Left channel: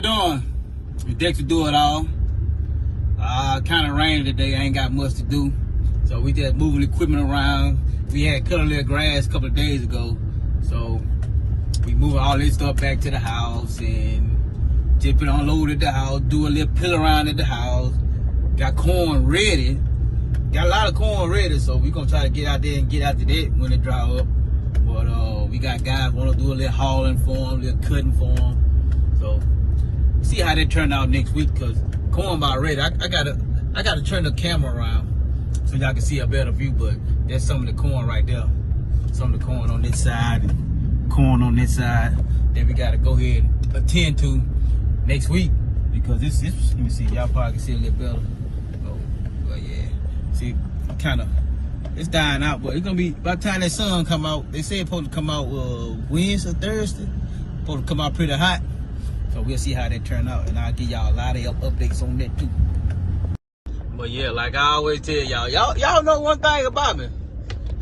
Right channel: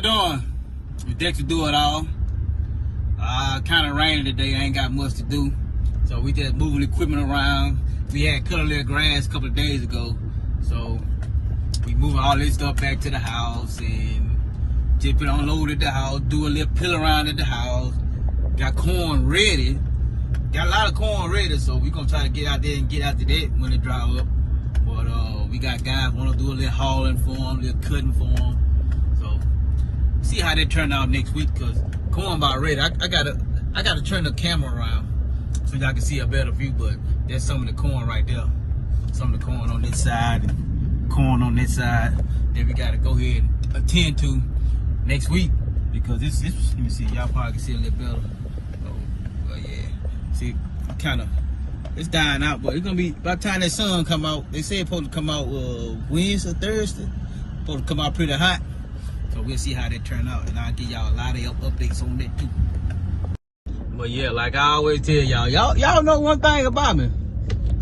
y'all doing? It's Dexterdoitall. Kind of rainy today. I ain't got much to do. So we just moving equipment around. We had cut a little grass a couple of days ago. So we moving all this stuff back to the house and just been unloaded the house, do a little pill around at the house. Got corn ready. Got a lot of corn ready, so we gonna try to get out there and get after that when it dry up. But we got guys wanna do a little hauling for them, a little cutting for them. So see how that turned out next week, cause corn about ready. I gotta turn the camera around so y'all can see a better view. But there's some of the corn right there. Some of the corn on this side, corn on this side. Then we gotta go ahead and attend to next week because this let me see, y'all probably can see a little better. But yeah, see, it's dying out, but it's gonna be by the time that sun come out. They say it's supposed to come out Wednesday, Thursday. Supposed to come out pretty hot. So we'll see how that turn out, and I'll give y'all a lot of updates on that too. But yeah, like I always tell y'all know one thing about me.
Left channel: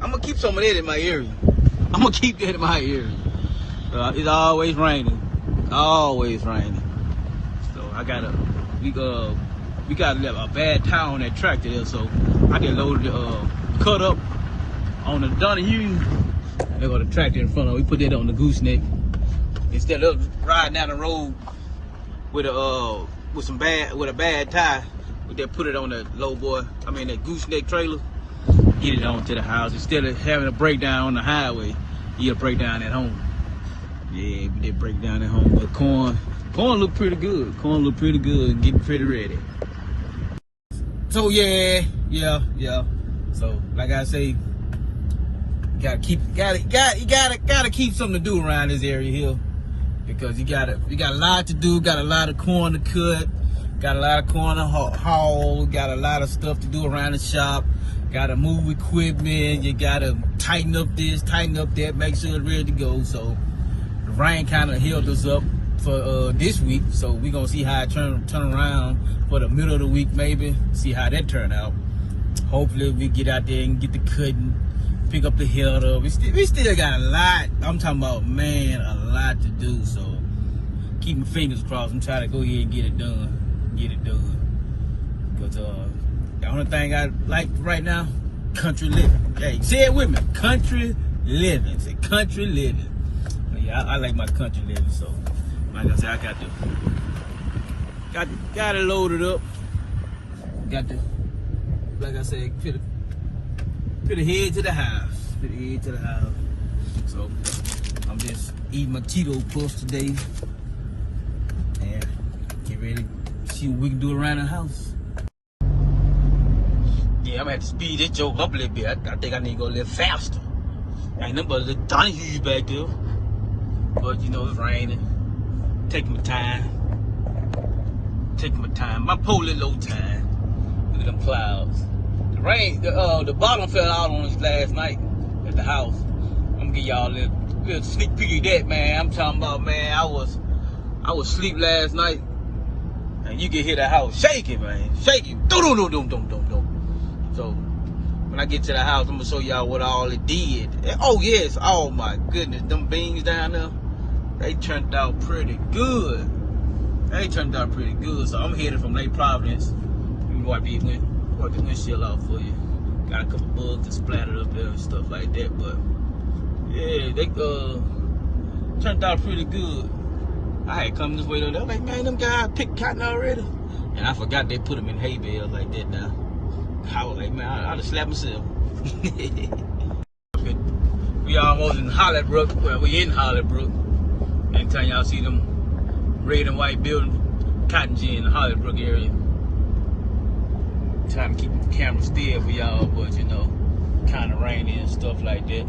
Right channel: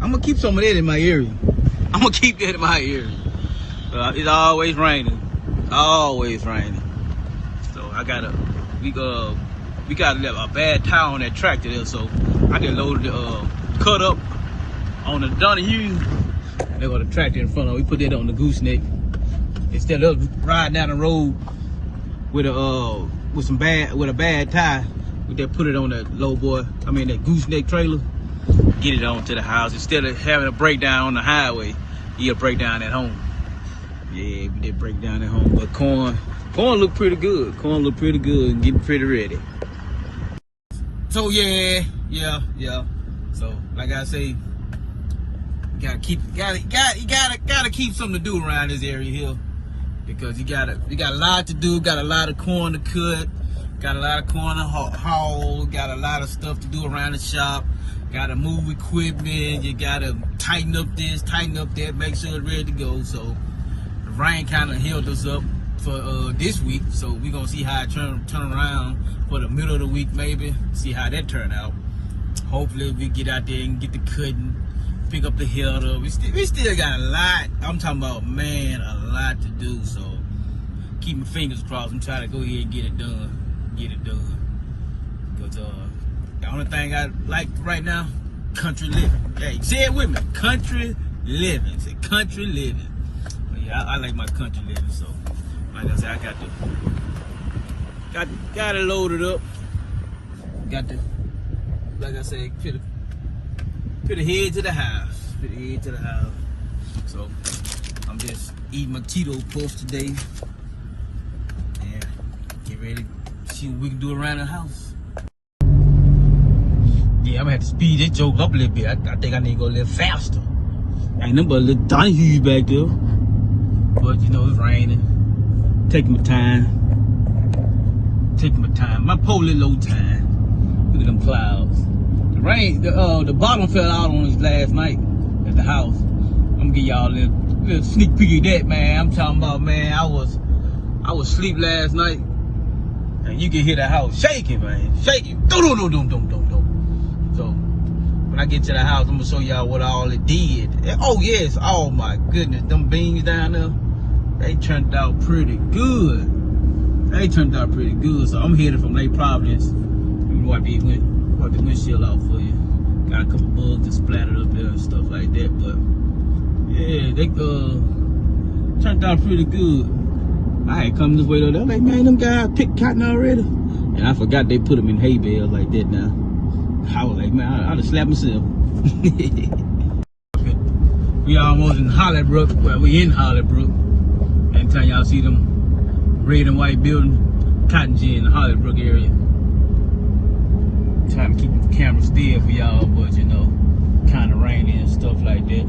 I'm gonna keep some of that in my area. I'm gonna keep that in my area. It's always raining. Always raining. So we got a bad tire on that tractor there, so I just loaded the cut up on the Donahue. They got the tractor in front of it. We put that on the gooseneck. Instead of riding down the road with a bad tire, we just put it on that that gooseneck trailer, get it on to the house. Instead of having a breakdown on the highway, you get a breakdown at home. Yeah, get breakdown at home. The corn look pretty good. Corn look pretty good, getting pretty ready. So yeah. So like I say, you gotta keep something to do around this area here. Because we got a lot to do, got a lot of corn to cut, got a lot of corn to haul, got a lot of stuff to do around the shop, got to move equipment, you got to tighten up this, tighten up that, make sure it's ready to go. So the rain kind of held us up for this week, so we're going to see how it turn around for the middle of the week maybe, see how that turn out. Hopefully we get out there and get the cutting, pick up the header. We still got a lot, I'm talking about, man, a lot to do, so keep my fingers crossed and try to go ahead and get it done. But the only thing I like right now, country living. Hey, say it with me, country living. Say country living. But yeah, I like my country living, so like I said, I got to load it up. Got to, like I said, put a head to the house. Put a head to the house. So I'm just eating my Cheeto puffs today and get ready to see what we can do around the house. Yeah, I'm gonna have to speed this joke up a little bit. I think I need to go a little faster. Ain't nothing but a little Donahue back there. But you know, it's raining. Taking my time. My polar low time. Look at them clouds. The rain, the bottom fell out on us last night at the house. I'm gonna give y'all a little sneak peek of that, man. I'm talking about, man, I was asleep last night, and you can hear the house shaking, man, shaking. So when I get to the house, I'm gonna show y'all what all it did. Oh yes, oh my goodness, them beans down there, they turned out pretty good. So I'm headed from Lake Providence. Let me wipe the windshield off for you. Got a couple bugs that splattered up there and stuff like that, but yeah, they turned out pretty good. I had come this way though. They're like, man, them guys picked cotton already. And I forgot they put them in hay bales like that now. I was like, man, I'd have slapped myself. We almost in Hollybrook, but we in Hollybrook. Anytime y'all see them red and white building, cotton gin in the Hollybrook area. Trying to keep the camera still for y'all, but you know, kind of rainy and stuff like that.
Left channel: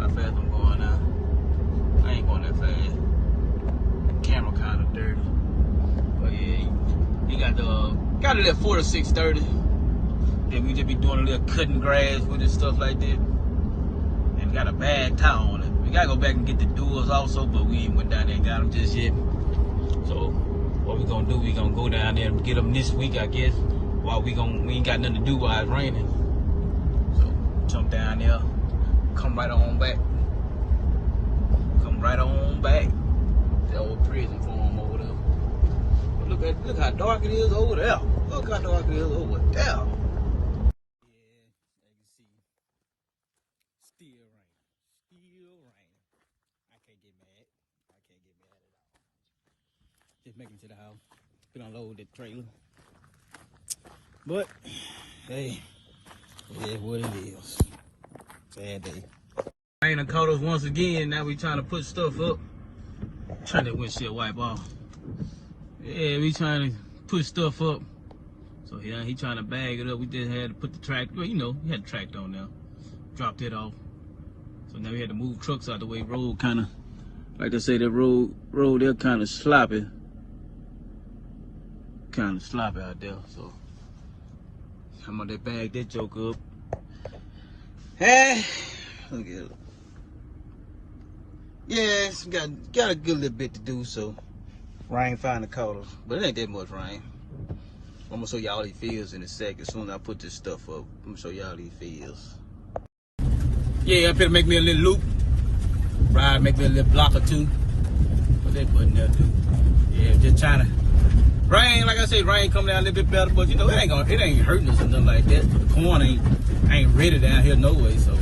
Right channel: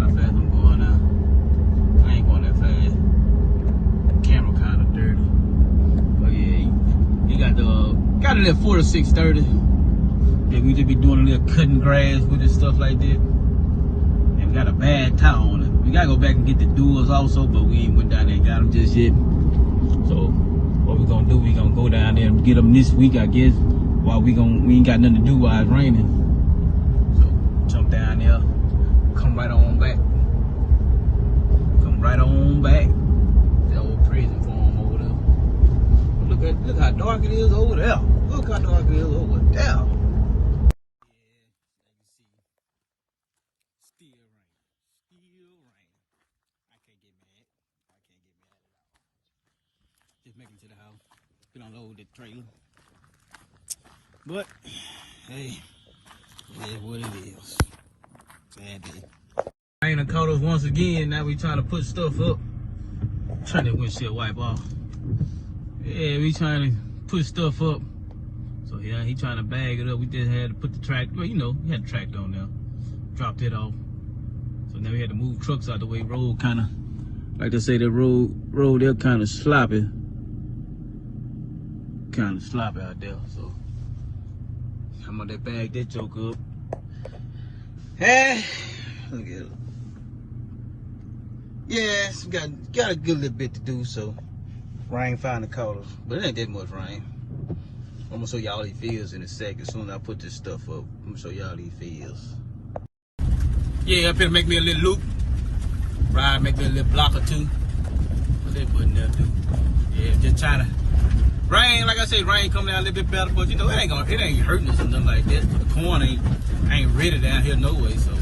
How fast I'm going now? I ain't going that fast. The camera kind of dirty. But yeah, you got it at 4 to 6:30. Then we just be doing a little cutting grass with it, stuff like that. And got a bad towel on it. We gotta go back and get the doors also, but we ain't went down there and got them just yet. So what we gonna do, we gonna go down there and get them this week, I guess. While we ain't got nothing to do while it's raining. So jump down there, come right on back. The old prison for them over just making it to the house. We don't load that trailer. But, hey, it is what it is. Bad day. Rain done caught us once again. Now we trying to put stuff up. Turn that windshield wipe off. Yeah, we trying to put stuff up. So yeah, he trying to bag it up. We just had to put the track, well, you know, we had the tractor on there. Dropped it off. So now we had to move trucks out the way. Road kind of, like I say, that road there kind of sloppy. Kind of sloppy out there. So I'm gonna bag that joke up. Hey, look at it. Yes, got a good little bit to do, so rain find the colors, but it ain't that much rain. I'm gonna show y'all these fields in a second. As soon as I put this stuff up, I'm gonna show y'all these fields. Yeah, I'm gonna make me a little loop. Ride, make me a little block or two. What that button there do? Yeah, just trying to. Rain, like I said, rain come down a little bit better, but you know it ain't hurting us or nothing like that. The corn ain't ready down here no way, so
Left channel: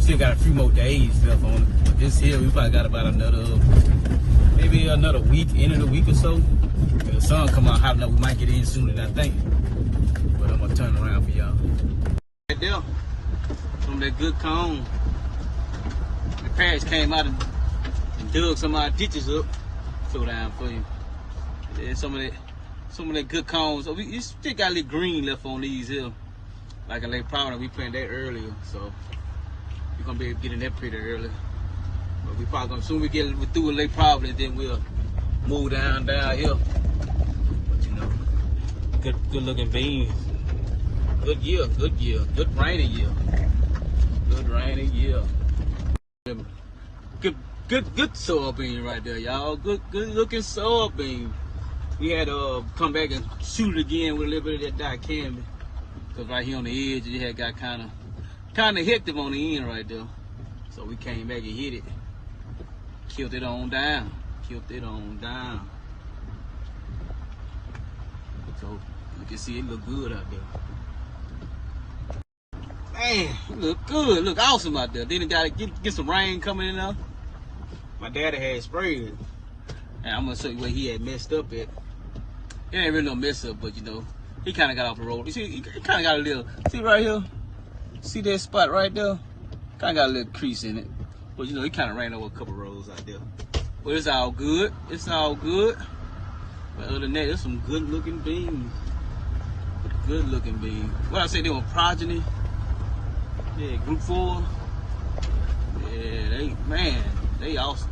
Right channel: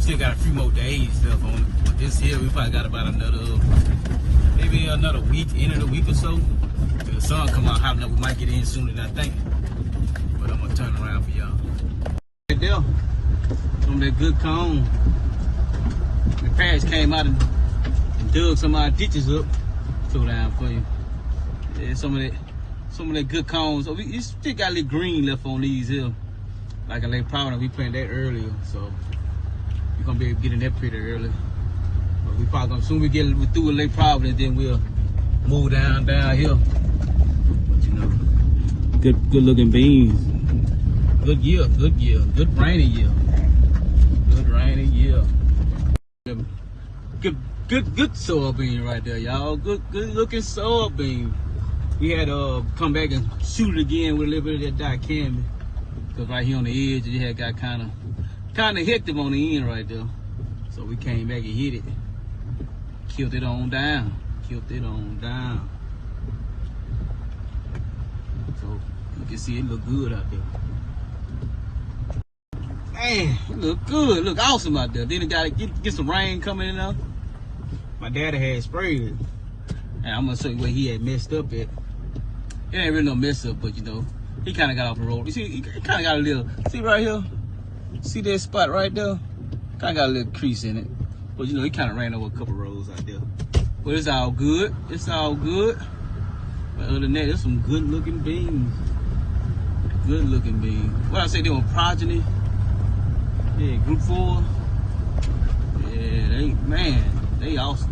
still got a few more days left on it. But this here, we probably got about maybe another week, end of the week or so. If the sun come out hot enough, we might get in sooner than I think. But I'm gonna turn around for y'all. Right there, some of that good corn. The parents came out and dug some of our ditches up. Throw down for you. Yeah, some of that good corn. So we still got a little green left on these here. Like a late powder, we planted that earlier, so we're gonna be able to get in there pretty early. We probably gonna soon we through with Lake Providence, then we'll move down here. Good looking beans. Good year, good rainy year. Good rainy year. Good soybean right there, y'all. Good looking soybean. We had to come back and shoot it again with a little bit of that dicamba. Cause right here on the edge, it had got kind of hit on the end right there. So we came back and hit it. Killed it on down. So you can see it look good out there. Man, it look good. Look awesome out there. Then it got to get some rain coming in there. My daddy had sprayed it. And I'm gonna show you where he had messed up at. It ain't really no mess up, but you know, he kind of got off the road. You see, he kind of got a little, see right here? See that spot right there? Kind of got a little crease in it. But you know, he kind of ran over a couple roads out there. But it's all good. It's all good. But other than that, there's some good looking beans. Good looking beans. What I say, they were progeny. Yeah, group 4. Yeah, they awesome.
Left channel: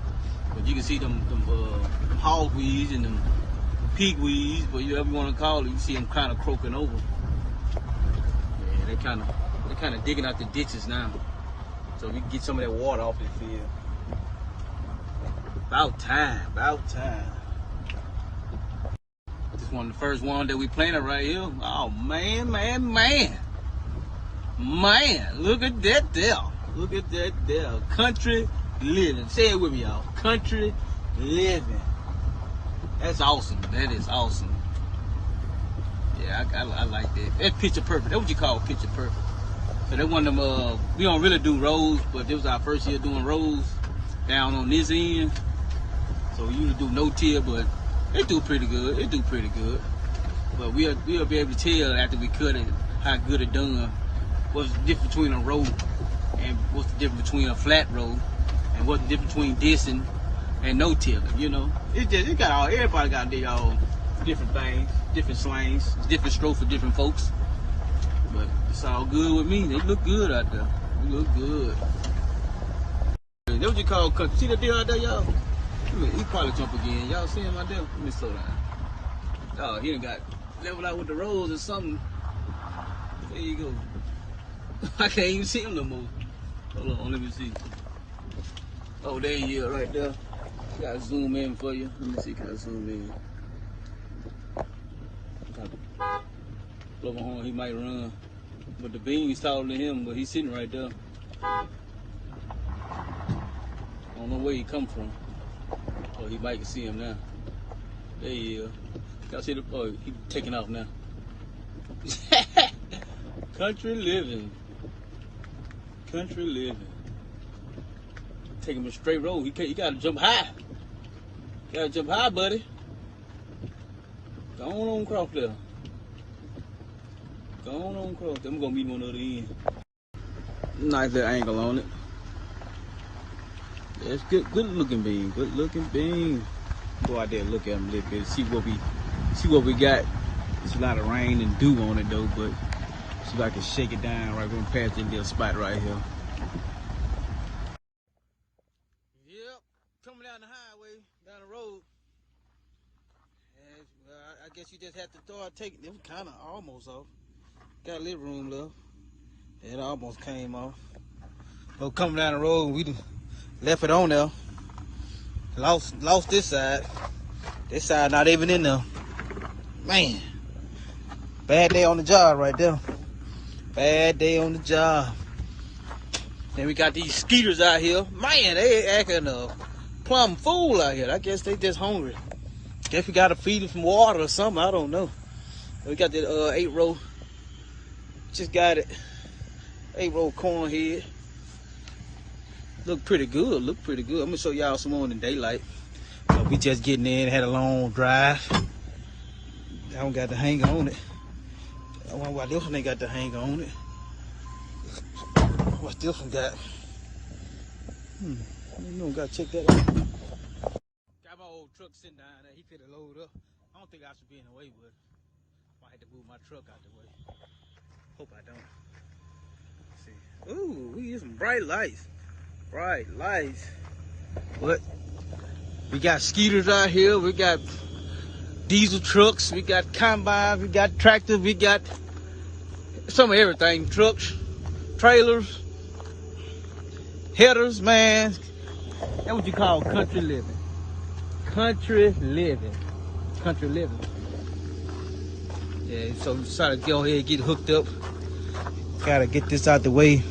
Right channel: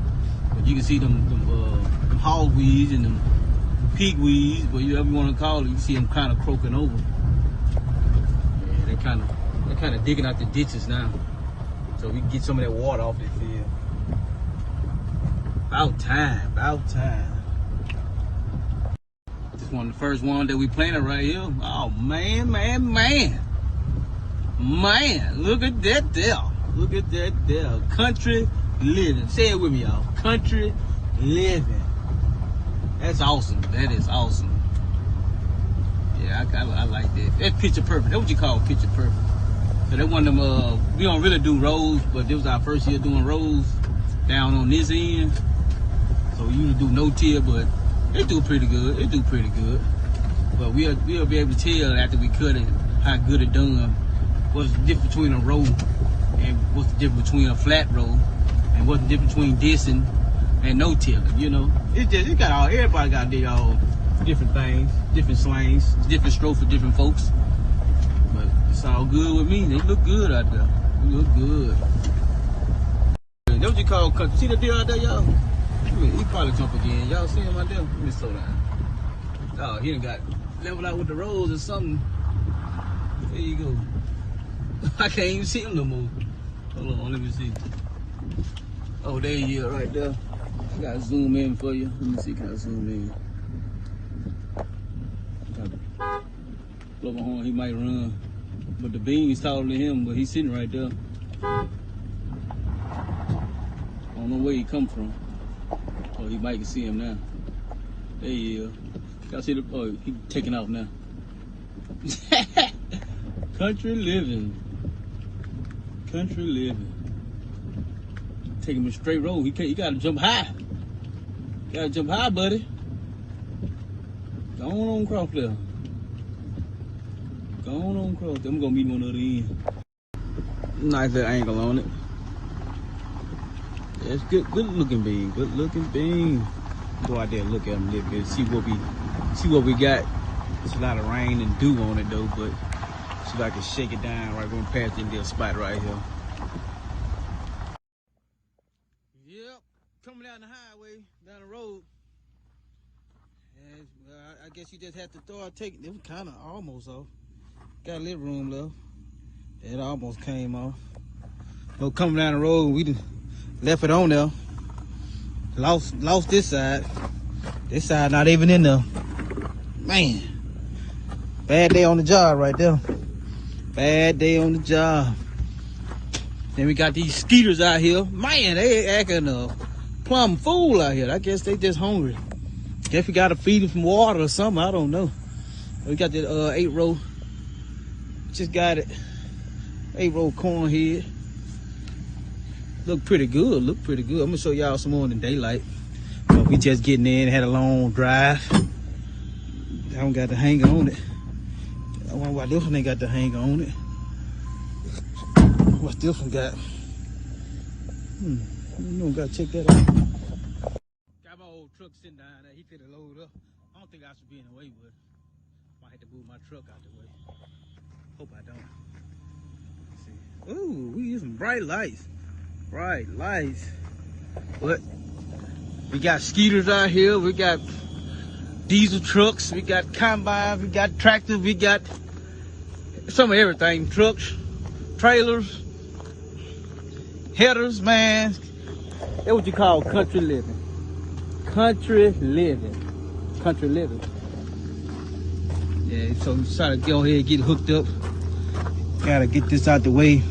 But you can see them hog weeds and them pig weeds, but whatever you want to call it, you see them kind of croaking over. Yeah, they're kind of digging out the ditches now, so we can get some of that water off that field. About time. This one of the first one that we planted right here. Oh man, look at that there. Country living. Say it with me, y'all. Country living. That's awesome. That is awesome. Yeah, I like that. That's picture perfect. That's what you call picture perfect. So that one of them, we don't really do rows, but this was our first year doing rows down on this end. So we usually do no-till, but they do pretty good. But we'll be able to tell after we cut it how good it done. What's the difference between a row and what's the difference between a flat row and what's the difference between this and no-tilling, you know. Everybody got their own different things, different slangs, different strokes for different folks. But it's all good with me. They look good out there. They look good. That's what you call country. See the deer out there, y'all? He probably jump again. Y'all see him out there? Let me slow down. Oh, he done got leveled out with the rolls or something. There you go. I can't even see him no more. Hold on, let me see. Oh, there he is right there. I gotta zoom in for you. Let me see, gotta zoom in. Blow my horn, he might run. But the beam is taller than him, but he's sitting right there. I don't know where he come from. Oh, he might can see him now. There he is. Y'all see the, oh, he taking off now. Country living. Take him a straight road. He gotta jump high. You gotta jump high, buddy. Go on across there. Go on across there. I'm gonna meet on the other end. Nice little angle on it. Yeah, it's good looking bean. Good looking bean. Go out there and look at them a little bit. See what we got. It's a lot of rain and dew on it though, but see if I can shake it down right going past this little spot right here. Yep, coming down the highway, down the road. And I guess you just have to start taking them kind of almost off. Got a little room left. It almost came off. So coming down the road, we just left it on there. Lost this side. This side not even in there. Man, bad day on the job right there. Bad day on the job. And we got these skeeters out here. Man, they acting a plumb fool out here. I guess they just hungry. Guess we gotta feed them some water or something. I don't know. We got that 8-row. Just got it. 8-row corn head. Look pretty good. Look pretty good. I'm gonna show y'all some more in the daylight. We just getting in. Had a long drive. I don't got the hanger on it. Oh, why this one ain't got the hanger on it? What's this one got? You don't gotta check that out. Got my old truck sitting down there. He could have loaded up. I don't think I should be in the way with it. I have to move my truck out the way. Hope I don't. Let me see. Ooh, we use some bright lights. Bright lights. What? We got skeeters out here. We got diesel trucks. We got combines. We got tractors. We got some of everything. Trucks, trailers, headers, man. That's what you call country living. Country living. Country living. Yeah, so we decided to go ahead and get hooked up. Gotta get this out the way.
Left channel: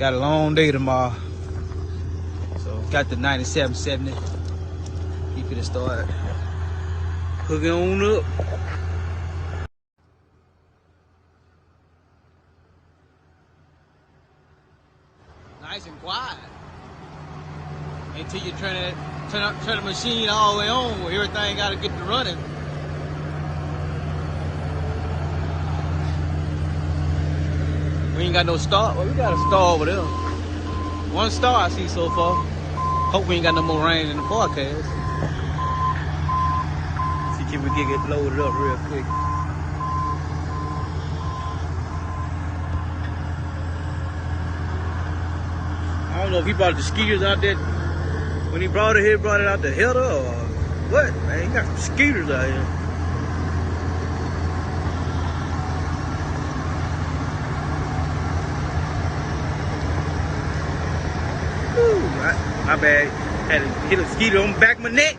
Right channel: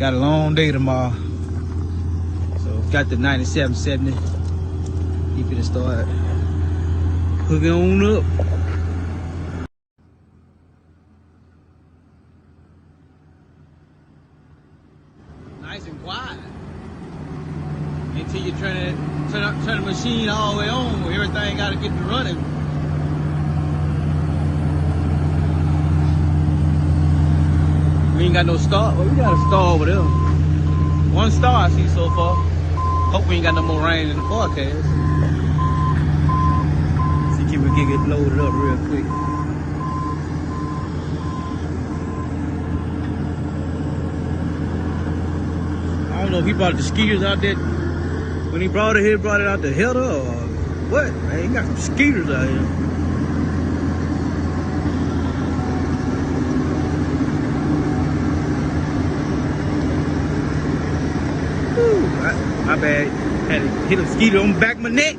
Got a long day tomorrow. So got the 9770. We finna start hooking on up. Nice and quiet. Until you turn the machine all the way on, everything gotta get to running. We ain't got no star. We got a star over there. One star I see so far. Hope we ain't got no more rain in the forecast. See if we can get loaded up real quick. I don't know if he brought the skeeters out there. When he brought it here, brought it out the header or what? Man, he got the skeeters out here. My bad. Had to hit a skeeter on the back of my neck.